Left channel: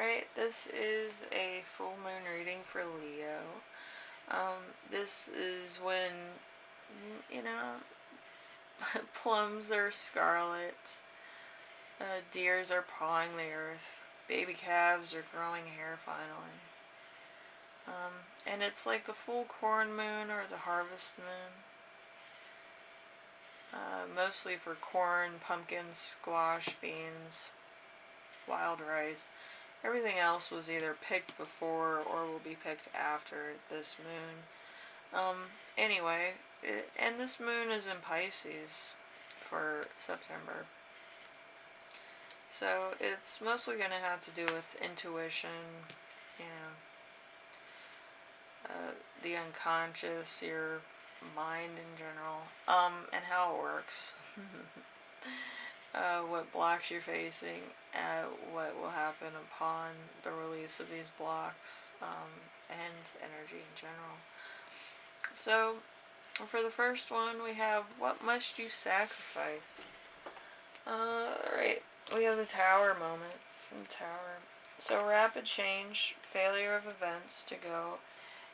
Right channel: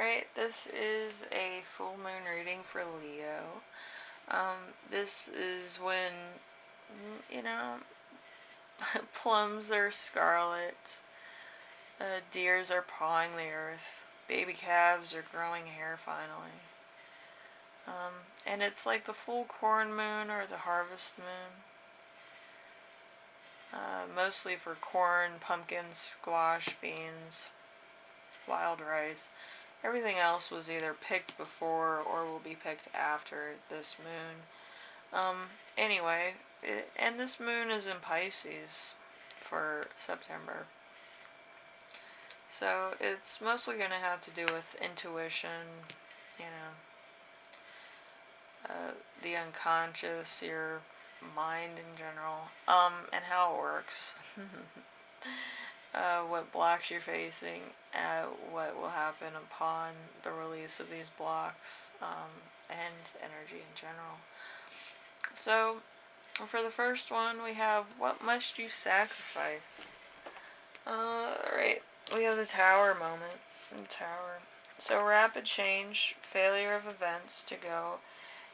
Alright, this is a full moon reading for Leo. This is when, you know, plums are scarlet, deers are pawing the earth, baby calves are growing hair finally. And it's like the full corn moon or the harvest moon. Mostly for corn, pumpkins, squash, beans, wild rice. Everything else was either picked before or will be picked after this moon. Anyway, and this moon is in Pisces for September. So it's mostly going to have to do with intuition, you know, the unconscious, your mind in general, and how it works. What blocks you're facing, what will happen upon the release of these blocks, and energy in general. So, for the first one, we have, what must you sacrifice? Alright, we have the Tower moment. The Tower. So, rapid change, failure of events to go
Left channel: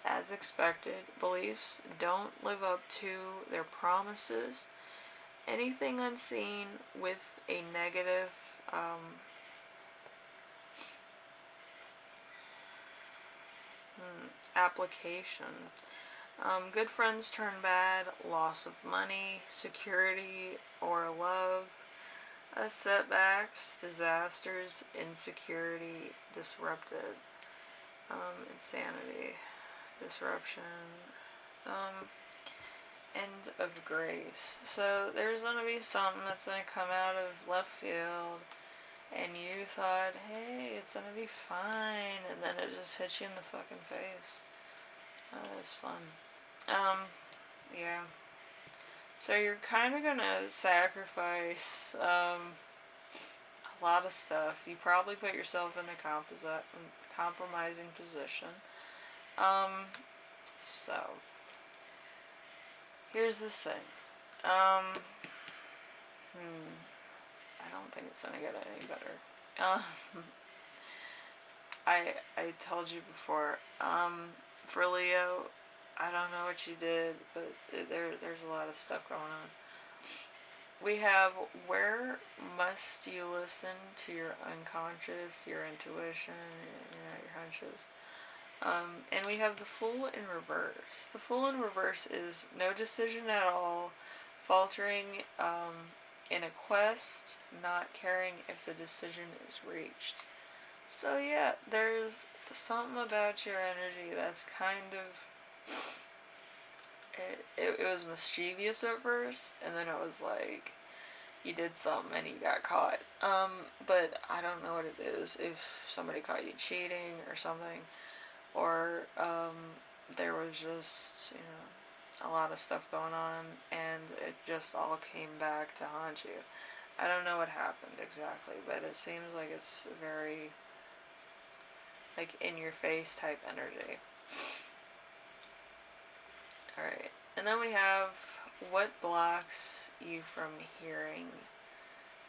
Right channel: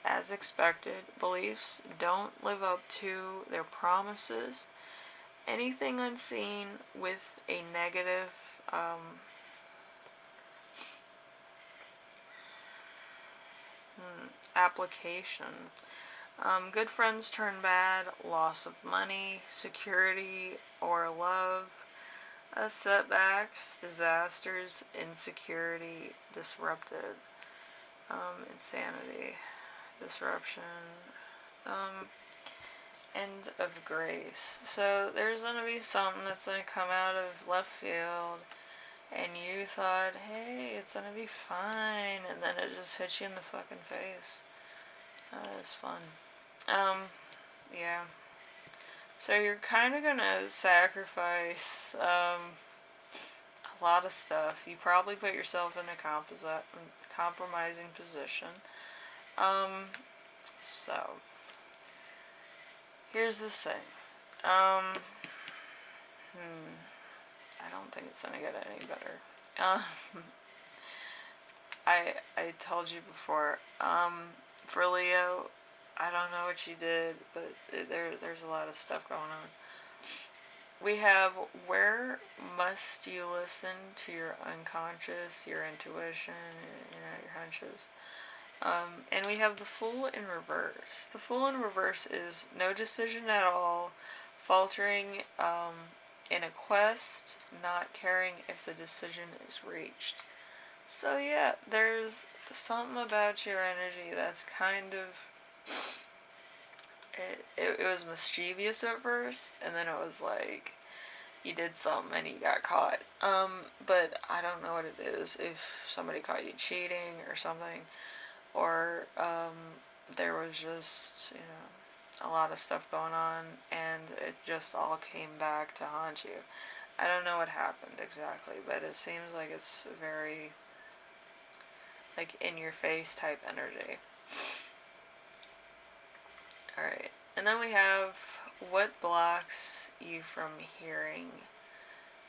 as expected, beliefs don't live up to their promises, anything unseen with a negative application. Good friends turn bad, loss of money, security or love, setbacks, disasters, insecurity, disrupted, insanity, disruption, end of grace. So there's going to be something that's going to come out of left field, and you thought, hey, it's going to be fine, and then it just hits you in the fucking face. It's fun. Yeah. So you're kind of going to sacrifice a lot of stuff. You probably put yourself in a compromising position. So here's the thing. I don't think it's gonna get any better. I told you before. For Leo, I don't know what you did, but there's a lot of stuff going on. We have, where must you listen to your unconscious, your intuition, your hunches. And we have the Fool in reverse. The Fool in reverse is no decision at all, faltering in a quest, not caring if the decision is reached. So yeah, there's something about your energy that's kind of, it was mischievous at first, and then it was like, you did something and you got caught. But I don't know what it is, if somebody caught you cheating or something, or there was just, a lot of stuff going on, and it just all came back to haunt you. I don't know what happened exactly, but it seems like it's very, like, in-your-face type energy. Alright, and then we have, what blocks you from hearing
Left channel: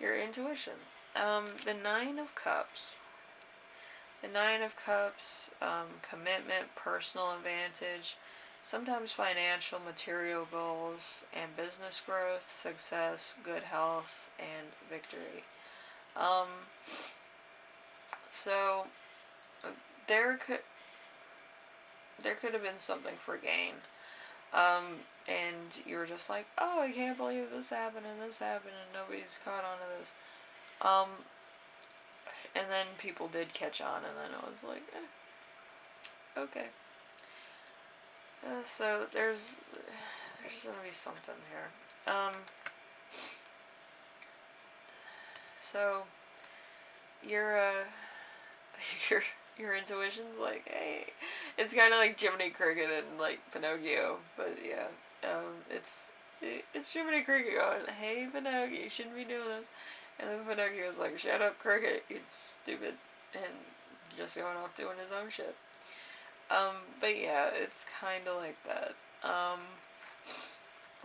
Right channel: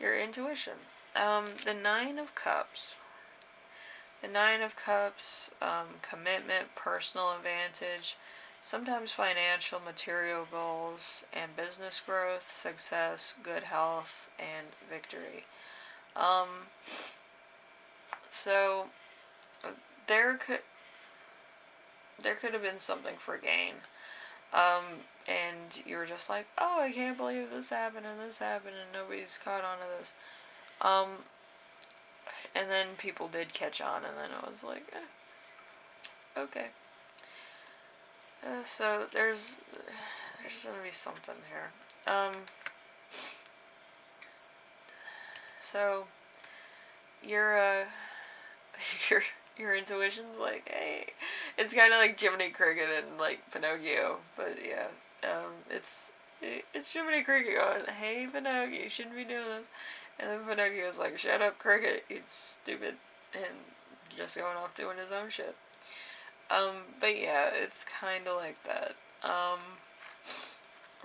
your intuition? The Nine of Cups. The Nine of Cups, commitment, personal advantage, sometimes financial, material goals, and business growth, success, good health, and victory. So there could have been something for gain. And you were just like, oh, I can't believe this happened and nobody's caught on to this. And then people did catch on, and then it was like, okay. So there's gonna be something here. So your intuition's like, hey, it's kind of like Jiminy Cricket and like Pinocchio, but yeah, it's Jiminy Cricket going, hey Pinocchio, you shouldn't be doing this, and then Pinocchio's like, shut up Cricket, it's stupid, and just going off doing his own shit. But yeah, it's kind of like that.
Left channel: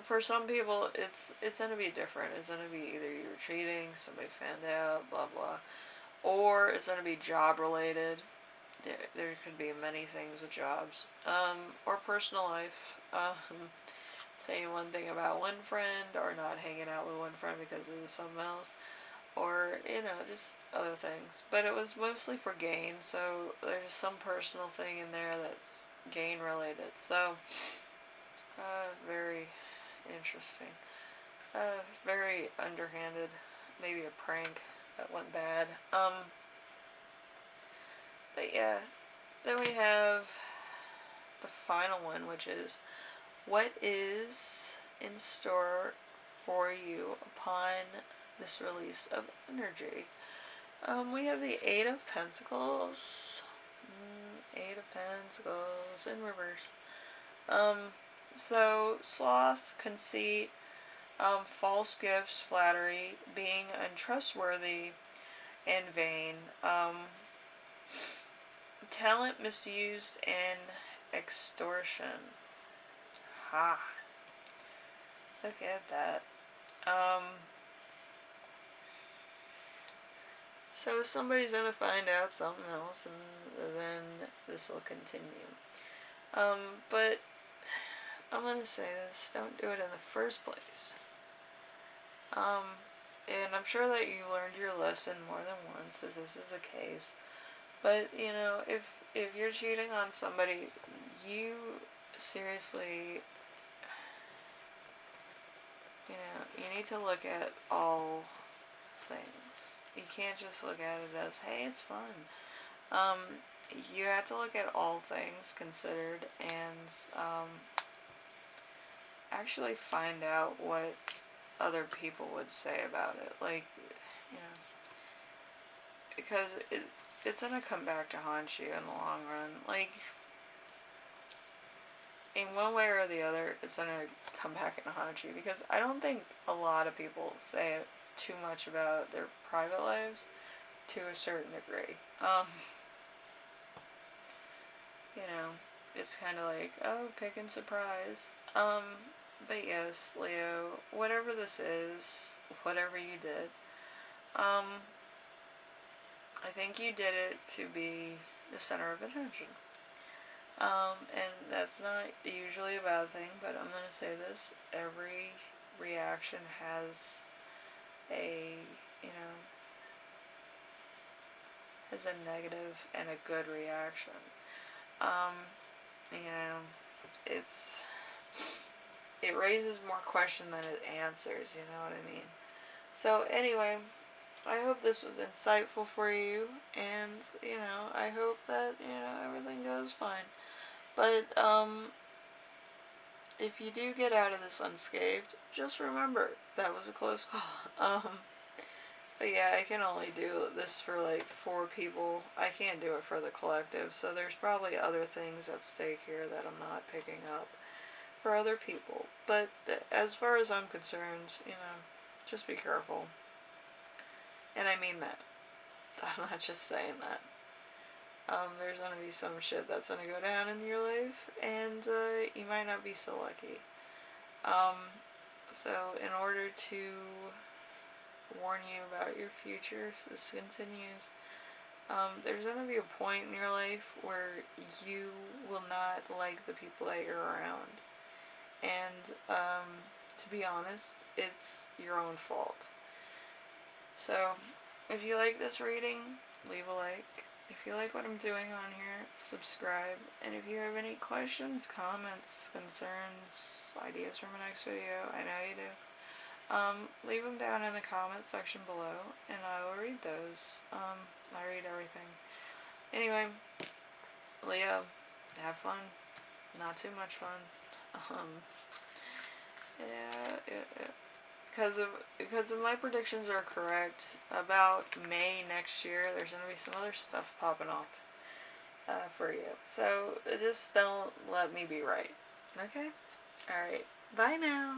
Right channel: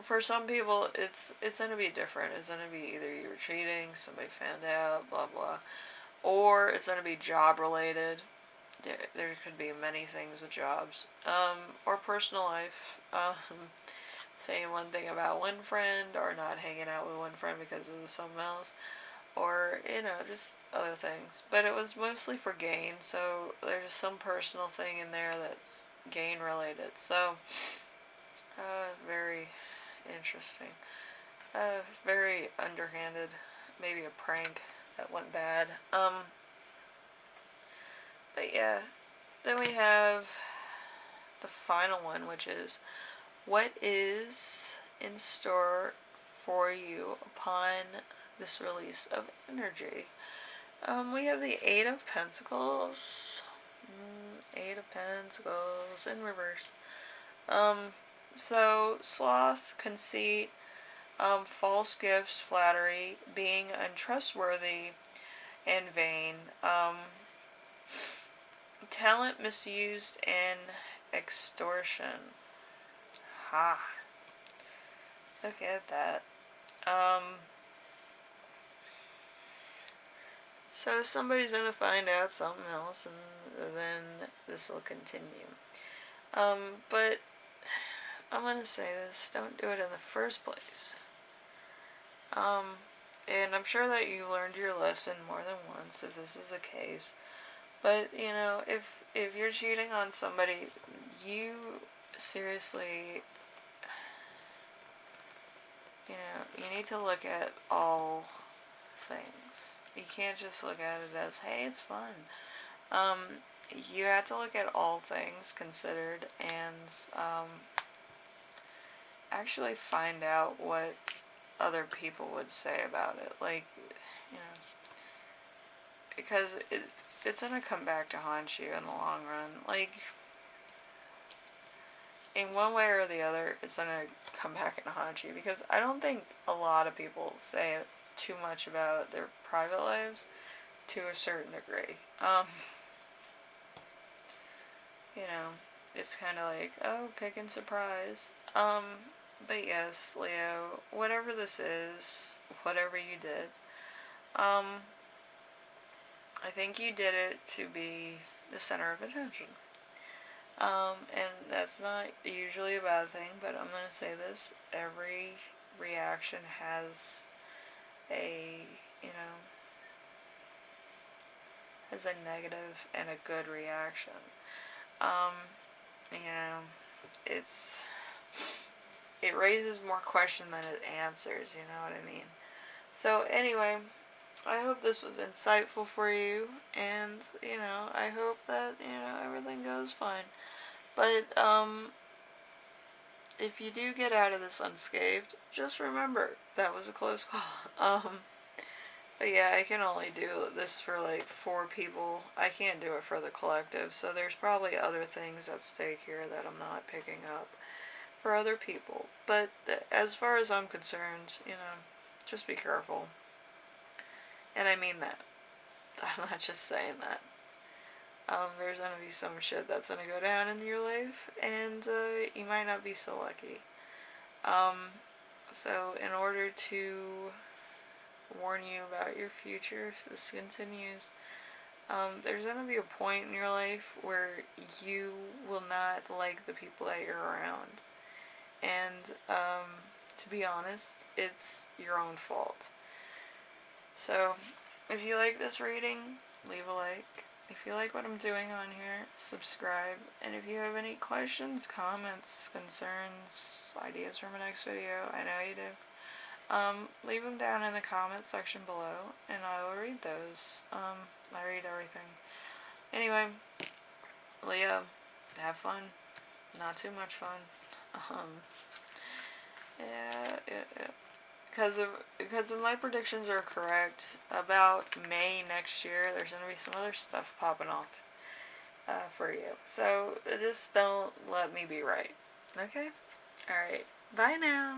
For some people, it's gonna be different. It's gonna be either you were cheating, somebody found out, blah blah. or it's going to be job related. There could be many things with jobs, or personal life. Saying one thing about one friend, or not hanging out with one friend because of something else, or just other things. But it was mostly for gain, so there's some personal thing in there that's gain related. So very interesting. Very underhanded, maybe a prank that went bad. But yeah, then we have the final one, which is what is in store for you upon this release of energy. We have the Eight of Pentacles. Eight of Pentacles in reverse. So sloth, conceit, false gifts, flattery, being untrustworthy and vain, talent misused, and extortion. Ha. Look at that. So somebody's going to find out something else, and then this will continue. But I'm going to say this, don't do it in the first place. And I'm sure that you learned your lesson more than once if this is the case. But, if you're cheating on somebody, you seriously, you need to look at all things. You can't just look at it as, hey, it's fun. You have to look at all things considered and actually find out what other people would say about it. Like, because it's going to come back to haunt you in the long run. Like, in one way or the other, it's going to come back and haunt you. Because I don't think a lot of people say too much about their private lives to a certain degree. It's kind of like, oh, pick and surprise. But yes, Leo, whatever this is, whatever you did, I think you did it to be the center of attention. And that's not usually a bad thing, but I'm going to say this, every reaction has has a negative and a good reaction. It raises more question than it answers, you know what I mean? So anyway, I hope this was insightful for you, and, I hope that, everything goes fine. But, if you do get out of this unscathed, just remember, that was a close call. But yeah, I can only do this for like 4 people. I can't do it for the collective, so there's probably other things at stake here that I'm not picking up for other people. But as far as I'm concerned, just be careful. And I mean that. I'm not just saying that. There's going to be some shit that's going to go down in your life, and you might not be so lucky. So in order to warn you about your future, if this continues, there's going to be a point in your life where you will not like the people that you're around. And to be honest, it's your own fault. So if you like this reading, leave a like. If you like what I'm doing on here, subscribe. And if you have any questions, comments, concerns, ideas for my next video, I know you do, leave them down in the comments section below, and I will read those. I read everything. Anyway, Leo, have fun. Not too much fun. Yeah. Because if my predictions are correct, about May next year, there's going to be some other stuff popping off for you. So just don't let me be right. Okay? Alright. Bye now.